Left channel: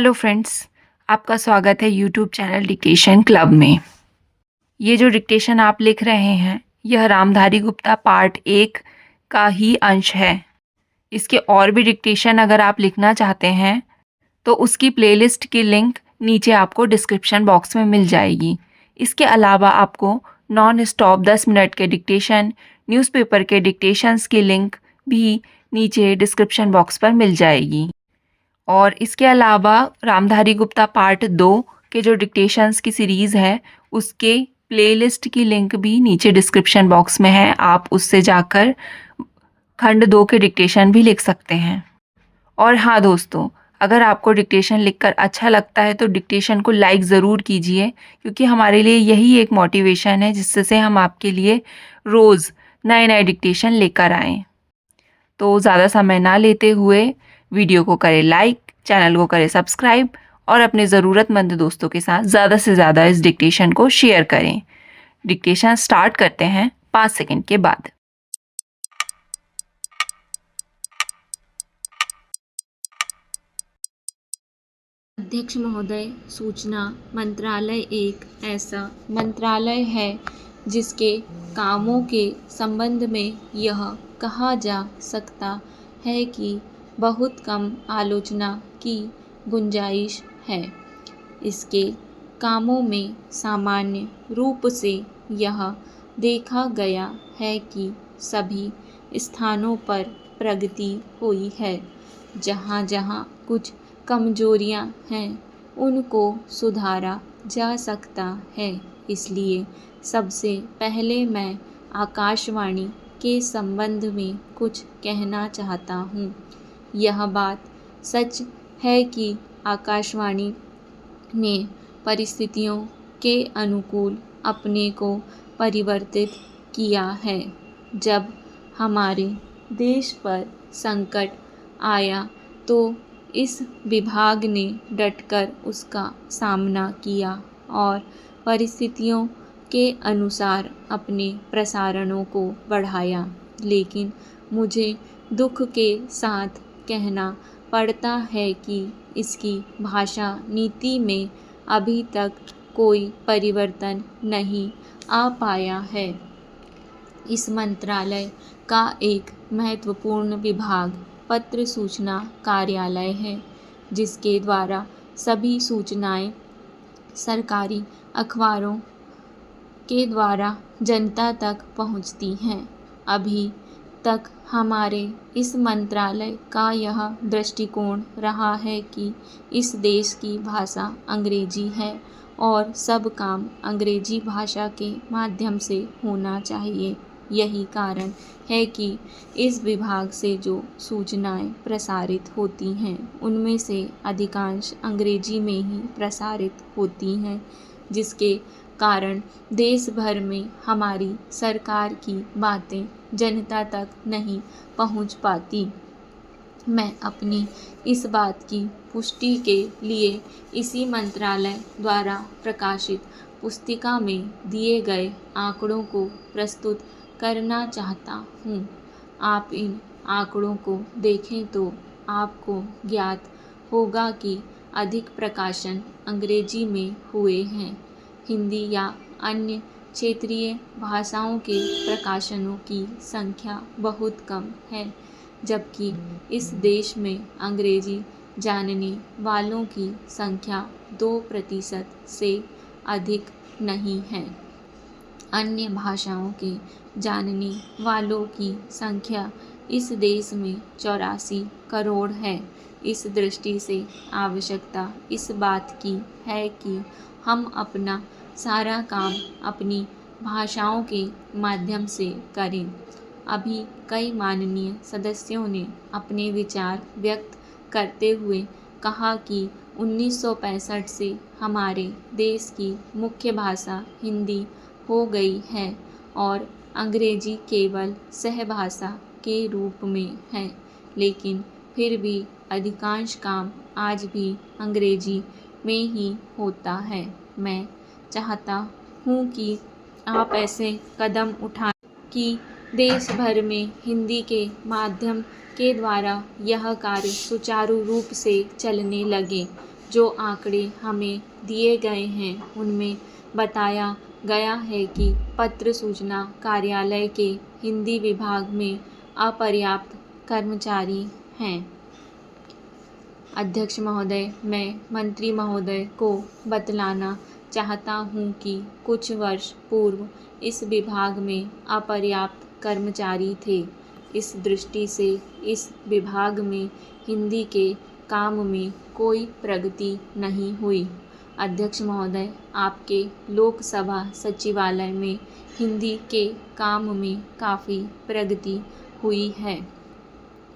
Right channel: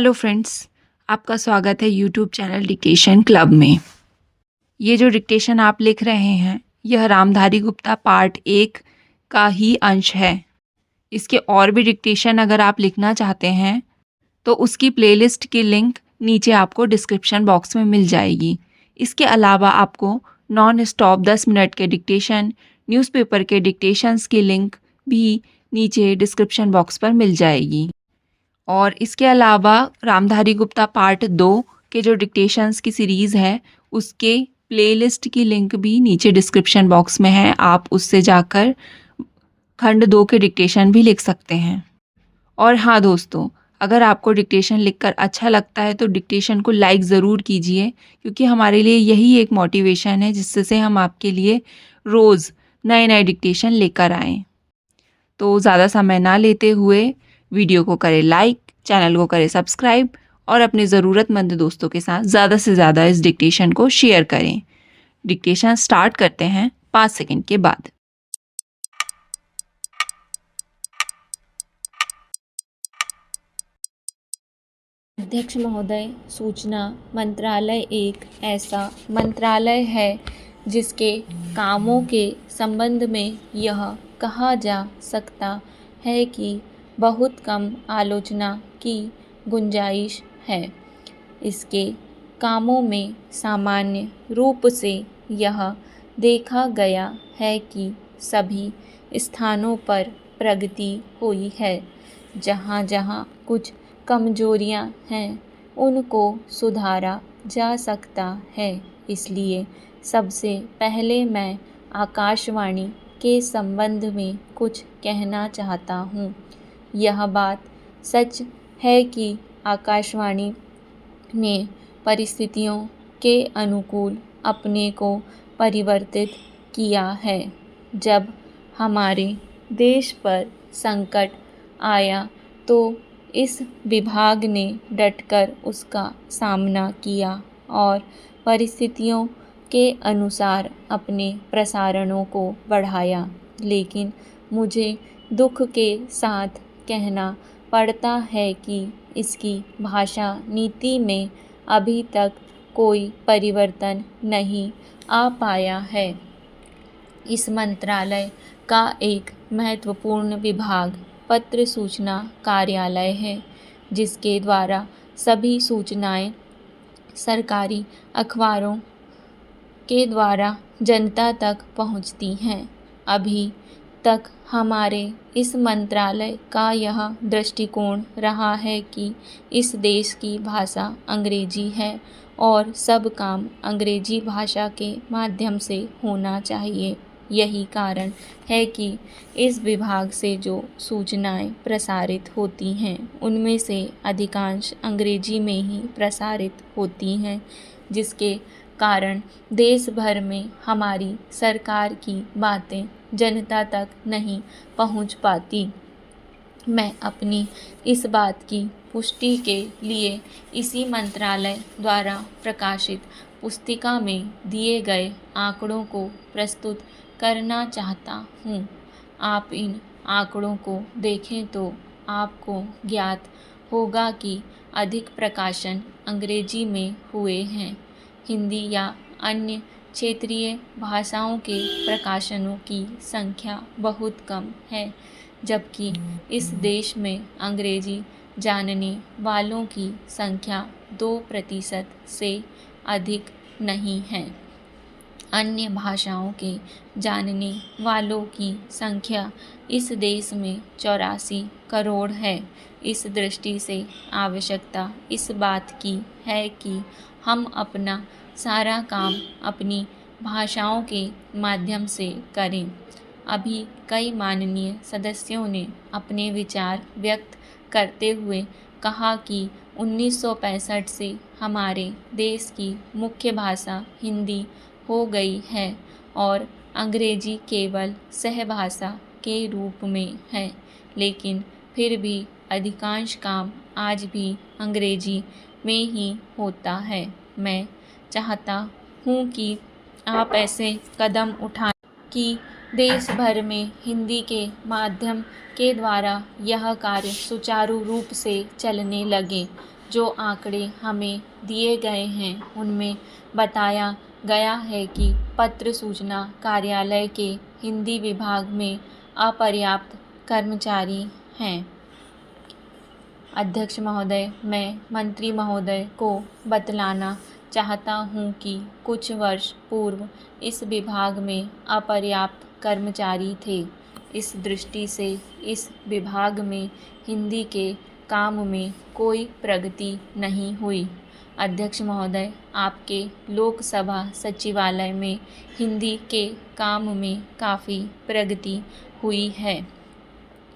Hello friends, आपका स्वागत है यूट्यूब चैनल डिक्टेशन क्लब में। ये जो डिक्टेशन आप लिख रहे हैं, यह रामधारी गुप्ता पार्ट 1 का ही अंश है। इसके और भी डिक्टेशन अगर आप लिखना चाहते हैं तो उसकी प्लेलिस्ट की लिंक नीचे आपको डिस्क्रिप्शन बॉक्स में मिल जाएगी। इसके अलावा आपको नॉन स्टॉप 10 मिनट के डिक्टेशन, न्यूज़पेपर के डिक्टेशंस की लिंक भी नीचे डिस्क्रिप्शन बॉक्स पर मिल जाएगी। और इसके अलावा रामधारी गुप्ता पार्ट 2 के जो डिक्टेशंस की सीरीज़ है, उसके प्लेलिस्ट की लिंक भी नीचे डिस्क्रिप्शन बॉक्स में है। आप उससे जाकर खंड 2 के डिक्टेशन भी लिख सकते हैं। और हाँ दोस्तों, अगर आपको डिक्टेशन लिखकर अच्छा लगता है तो डिक्टेशन को लाइक ज़रूर कीजिए, क्योंकि हमारे लिए यही एक मोटिवेशन है जिससे हम आपके लिए रोज़ नए नए डिक्टेशन लेकर आएँ। तो ज़्यादा समय ना लेते हुए वीडियो को करें लाइक, चैनल को करें सब्सक्राइब और अपने ज़रूरतमंद दोस्तों के साथ ज़्यादा से ज़्यादा इस डिक्टेशन को शेयर करें। डिक्टेशन स्टार्ट करते हैं 5 सेकंड के बाद। अध्यक्ष महोदय, सूचना मंत्रालय एक ऐसा मंत्रालय है जिसके कामों के संबंध में यह कहा जा सकता है कि बहुत कम आलोचना की गुंजाइश है। इसके कामों में सामान्य रूप से यह देखा गया है कि सभी स्थानों पर प्रगति हुई है। जहाँ जहाँ कुछ कमजोरियाँ हैं उनको सुधारा जा सकता है। इसलिए सबसे पहले मैं आकाशवाणी के संबंध में कुछ कहना चाहता हूँ। यह बात सच है कि आकाशवाणी ने परिस्थितियों के अनुकूल अपने को परिवर्तित किया है। जब हमारे देश पर संकट आया तो इस विभाग ने डटकर उसका सामना किया और परिस्थितियों के अनुसार अपने प्रसारणों को बढ़ाया। लेकिन मुझे दुख के साथ कहना पड़ता है कि इसकी भाषा नीति में अभी तक कोई परिवर्तन नहीं आ पाया है। इस मंत्रालय का एक महत्वपूर्ण विभाग पत्र सूचना कार्यालय है, जिसके द्वारा सभी सूचनाएं सरकारी अखबारों के द्वारा जनता तक पहुंचती हैं। अभी तक हमारे इस मंत्रालय का यह दृष्टिकोण रहा है कि इस देश की भाषा अंग्रेजी है और सब काम अंग्रेजी भाषा के माध्यम से होना चाहिए। यही कारण है कि इस विभाग से जो सूचनाएं प्रसारित होती हैं उनमें से अधिकांश अंग्रेजी में ही प्रसारित होती हैं, जिसके कारण देश भर में हमारी सरकार की बातें जनता तक नहीं पहुंच पाती। मैं अपनी इस बात की पुष्टि के लिए इसी मंत्रालय द्वारा प्रकाशित पुस्तिका में दिए गए आंकड़ों को प्रस्तुत करना चाहता हूँ। आप इन आंकड़ों को देखें तो आपको ज्ञात होगा कि अधिक प्रकाशन अंग्रेजी में हुए हैं। हिंदी या अन्य क्षेत्रीय भाषाओं के प्रकाशनों की संख्या बहुत कम है, जबकि इस देश में अंग्रेजी जानने वालों की संख्या 2% से अधिक नहीं है। अन्य भाषाओं के जानने वालों की संख्या इस देश में 84 करोड़ है। इस दृष्टि से आवश्यकता इस बात की है कि हम अपना सारा काम अपनी भाषाओं के माध्यम से करें। अभी कई माननीय सदस्यों ने अपने विचार व्यक्त करते हुए कहा कि 1965 से हमारे देश की मुख्य भाषा हिंदी हो गई है और अंग्रेजी केवल सहभाषा के रूप में है, लेकिन फिर भी अधिकांश काम आज भी अंग्रेजी में ही होता है। मैं चाहता हूँ कि आप ऐसे कदम उठाएं कि देश भर में हिंदी के माध्यम के द्वारा यह कार्य सुचारू रूप से चलने लगे। जो आंकड़े हमें दिए गए हैं उनमें बताया गया है कि पत्र सूचना कार्यालय के हिंदी विभाग में अपर्याप्त कर्मचारी हैं। अध्यक्ष महोदय, मैं मंत्री महोदय को बतलाना चाहता हूँ कि कुछ वर्ष पूर्व इस विभाग में अपर्याप्त कर्मचारी थे। इस दृष्टि से इस विभाग में हिंदी के काम में कोई प्रगति नहीं हुई। अध्यक्ष महोदय, आपके लोकसभा सचिवालय में हिंदी के काम में काफ़ी प्रगति हुई है।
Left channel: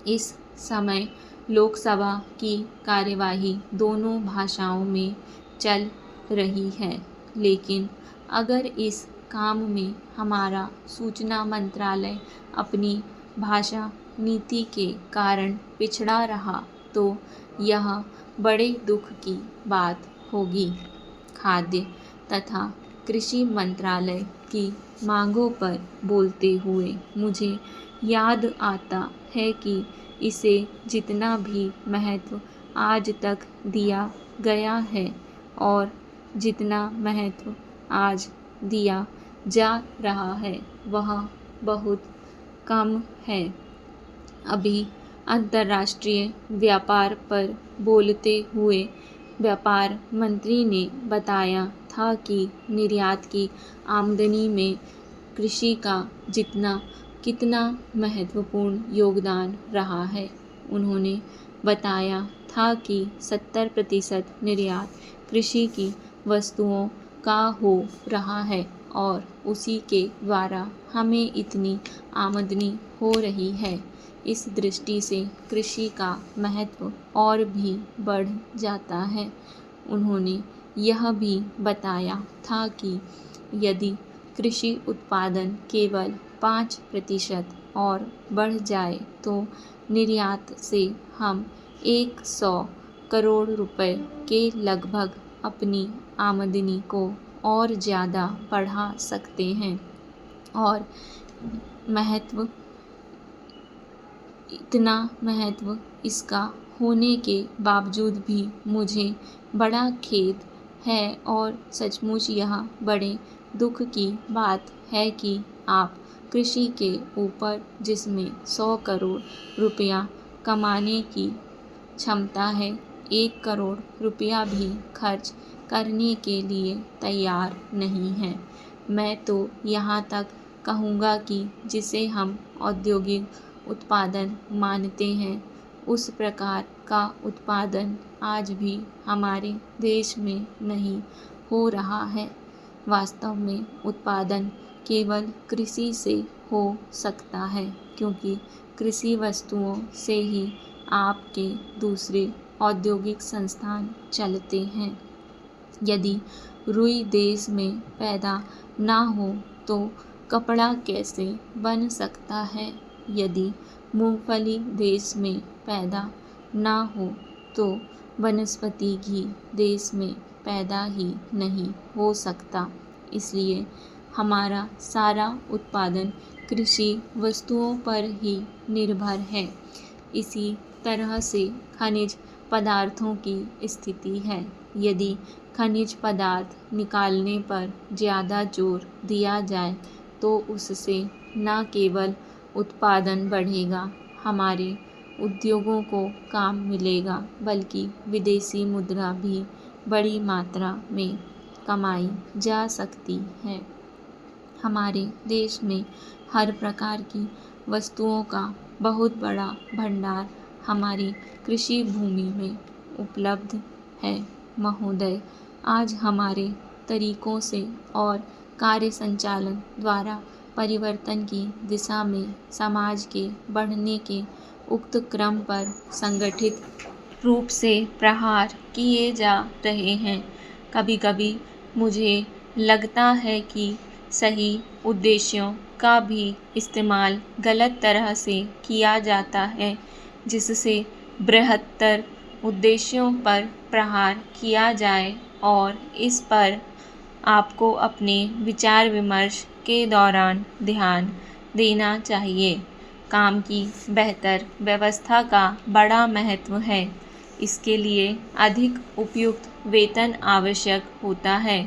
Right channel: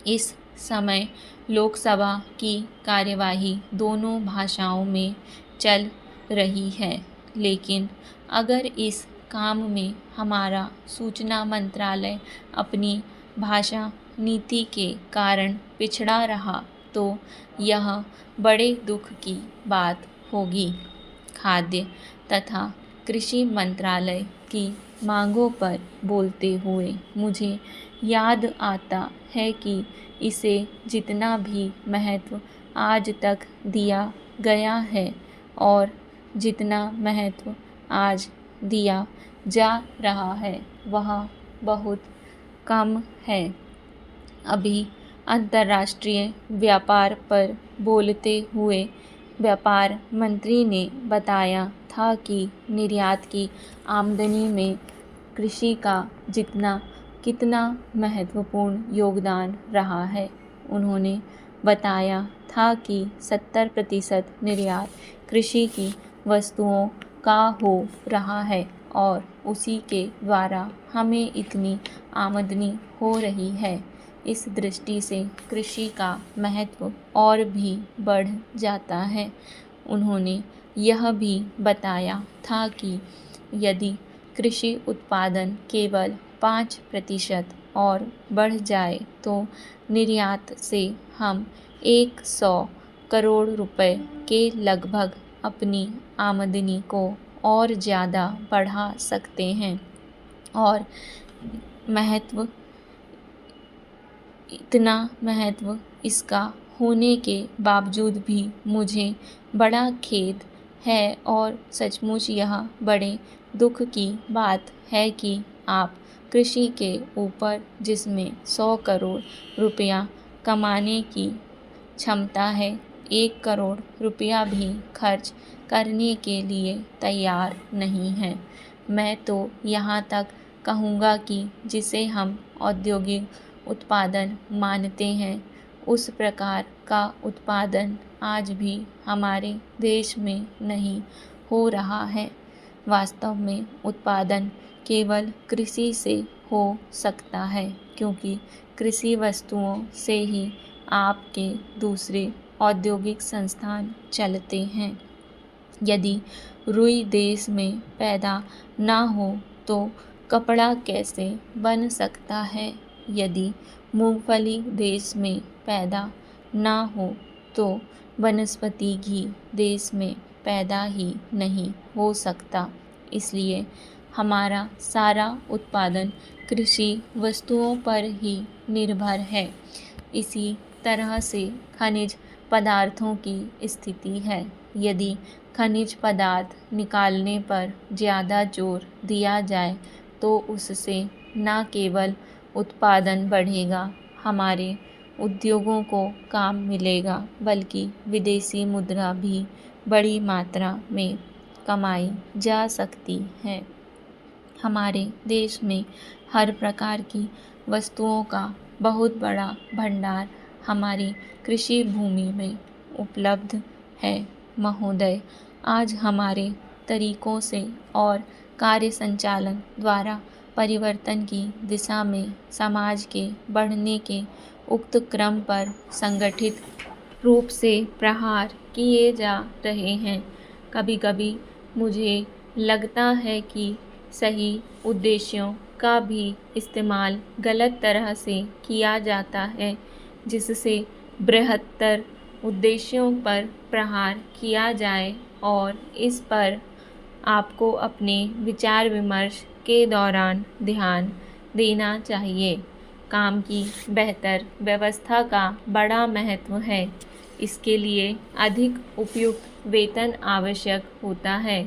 इस समय लोकसभा की कार्यवाही दोनों भाषाओं में चल रही है, लेकिन अगर इस काम में हमारा सूचना मंत्रालय अपनी भाषा नीति के कारण पिछड़ा रहा तो यह बड़े दुख की बात होगी। खाद्य तथा कृषि मंत्रालय की मांगों पर बोलते हुए मुझे याद आता है कि इसे जितना भी महत्व आज तक दिया गया है और जितना महत्व आज दिया जा रहा है वह बहुत कम है। अभी अंतर्राष्ट्रीय व्यापार पर बोलते हुए व्यापार मंत्री ने बताया था कि निर्यात की आमदनी में कृषि का कितना महत्वपूर्ण योगदान रहा है। उन्होंने बताया था कि 70% निर्यात कृषि की वस्तुओं का हो रहा है और उसी के द्वारा हमें इतनी आमदनी हो रही है। इस दृष्टि से कृषि का महत्व और भी बढ़ जाता है। उन्होंने यह भी बताया था कि यदि कृषि उत्पादन केवल 5% और बढ़ जाए तो निर्यात से हम 100 करोड़ रुपए के लगभग अपनी आमदनी को और ज़्यादा बढ़ा सकते हैं। और इतना महत्व इसका होने के बावजूद भी मुझे बड़ा खेद है और सचमुच यह बड़े दुख की बात है कि आप कृषि के ऊपर जिसमें 100 करोड़ रुपया कमाने की क्षमता है, 1 करोड़ रुपया भी खर्च करने के लिए तैयार नहीं हैं। मैं तो यहाँ तक कहूँगा कि जिसे हम औद्योगिक उत्पादन मानते हैं उस प्रकार का उत्पादन आज भी हमारे देश में नहीं हो रहा है। वास्तव में उत्पादन केवल कृषि से हो सकता है क्योंकि कृषि वस्तुओं से ही आपके दूसरे औद्योगिक संस्थान चलते हैं। यदि रुई देश में पैदा ना हो तो कपड़ा कैसे बन सकता है? यदि मूंगफली देश में पैदा ना हो तो वनस्पति घी देश में पैदा ही नहीं हो सकता। इसलिए हमारा सारा उत्पादन कृषि वस्तुओं पर ही निर्भर है। इसी तरह से खनिज पदार्थों की स्थिति है। यदि खनिज पदार्थ निकालने पर ज़्यादा जोर दिया जाए तो उससे न केवल उत्पादन बढ़ेगा, हमारे उद्योगों को काम मिलेगा, बल्कि विदेशी मुद्रा भी बड़ी मात्रा में कमाई जा सकती है। हमारे देश में हर प्रकार की वस्तुओं का बहुत बड़ा भंडार हमारी कृषि भूमि में उपलब्ध है। महोदय, आज हमारे तरीकों से और कार्य संचालन द्वारा परिवर्तन की दिशा में समाज के बढ़ने के उक्त क्रम पर संगठित रूप से प्रहार किए जा रहे हैं। कभी कभी मुझे लगता है कि सही उद्देश्यों का भी इस्तेमाल गलत तरह से किया जाता है, जिससे बृहत्तर उद्देश्यों पर प्रहार किया जाए और इस पर आपको अपने विचार विमर्श के दौरान ध्यान देना चाहिए। काम की बेहतर व्यवस्था का बड़ा महत्व है। इसके लिए अधिक उपयुक्त वेतन आवश्यक होता है।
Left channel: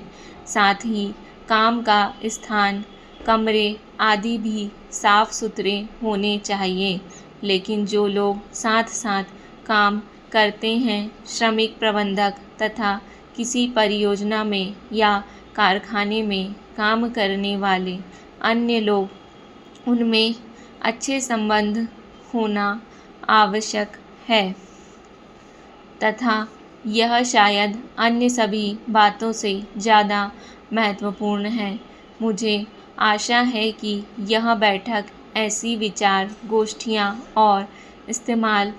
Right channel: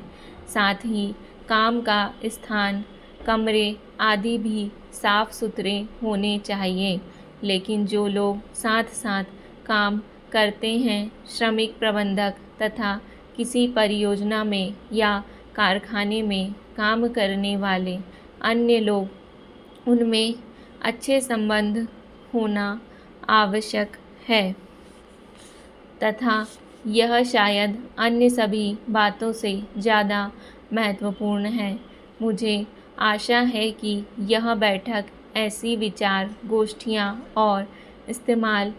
साथ ही काम का स्थान, कमरे आदि भी साफ सुथरे होने चाहिए। लेकिन जो लोग साथ साथ काम करते हैं, श्रमिक प्रबंधक तथा किसी परियोजना में या कारखाने में काम करने वाले अन्य लोग, उनमें अच्छे संबंध होना आवश्यक है तथा यह शायद अन्य सभी बातों से ज़्यादा महत्वपूर्ण है। मुझे आशा है कि यह बैठक ऐसी विचार गोष्ठियाँ और इस्तेमाल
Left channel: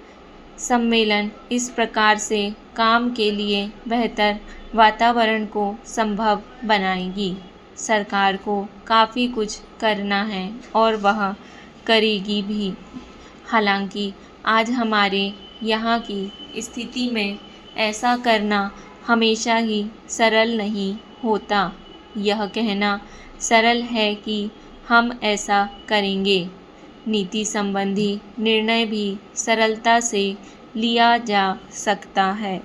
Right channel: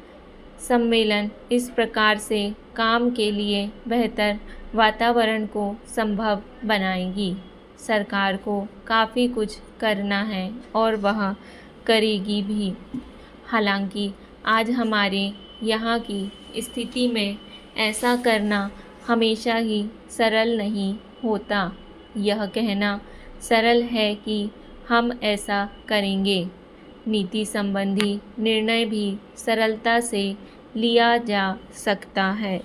सम्मेलन इस प्रकार से काम के लिए बेहतर वातावरण को संभव बनाएगी। सरकार को काफ़ी कुछ करना है और वह करेगी भी। हालांकि आज हमारे यहाँ की स्थिति में ऐसा करना हमेशा ही सरल नहीं होता। यह कहना सरल है कि हम ऐसा करेंगे। नीति संबंधी निर्णय भी सरलता से लिया जा सकता है।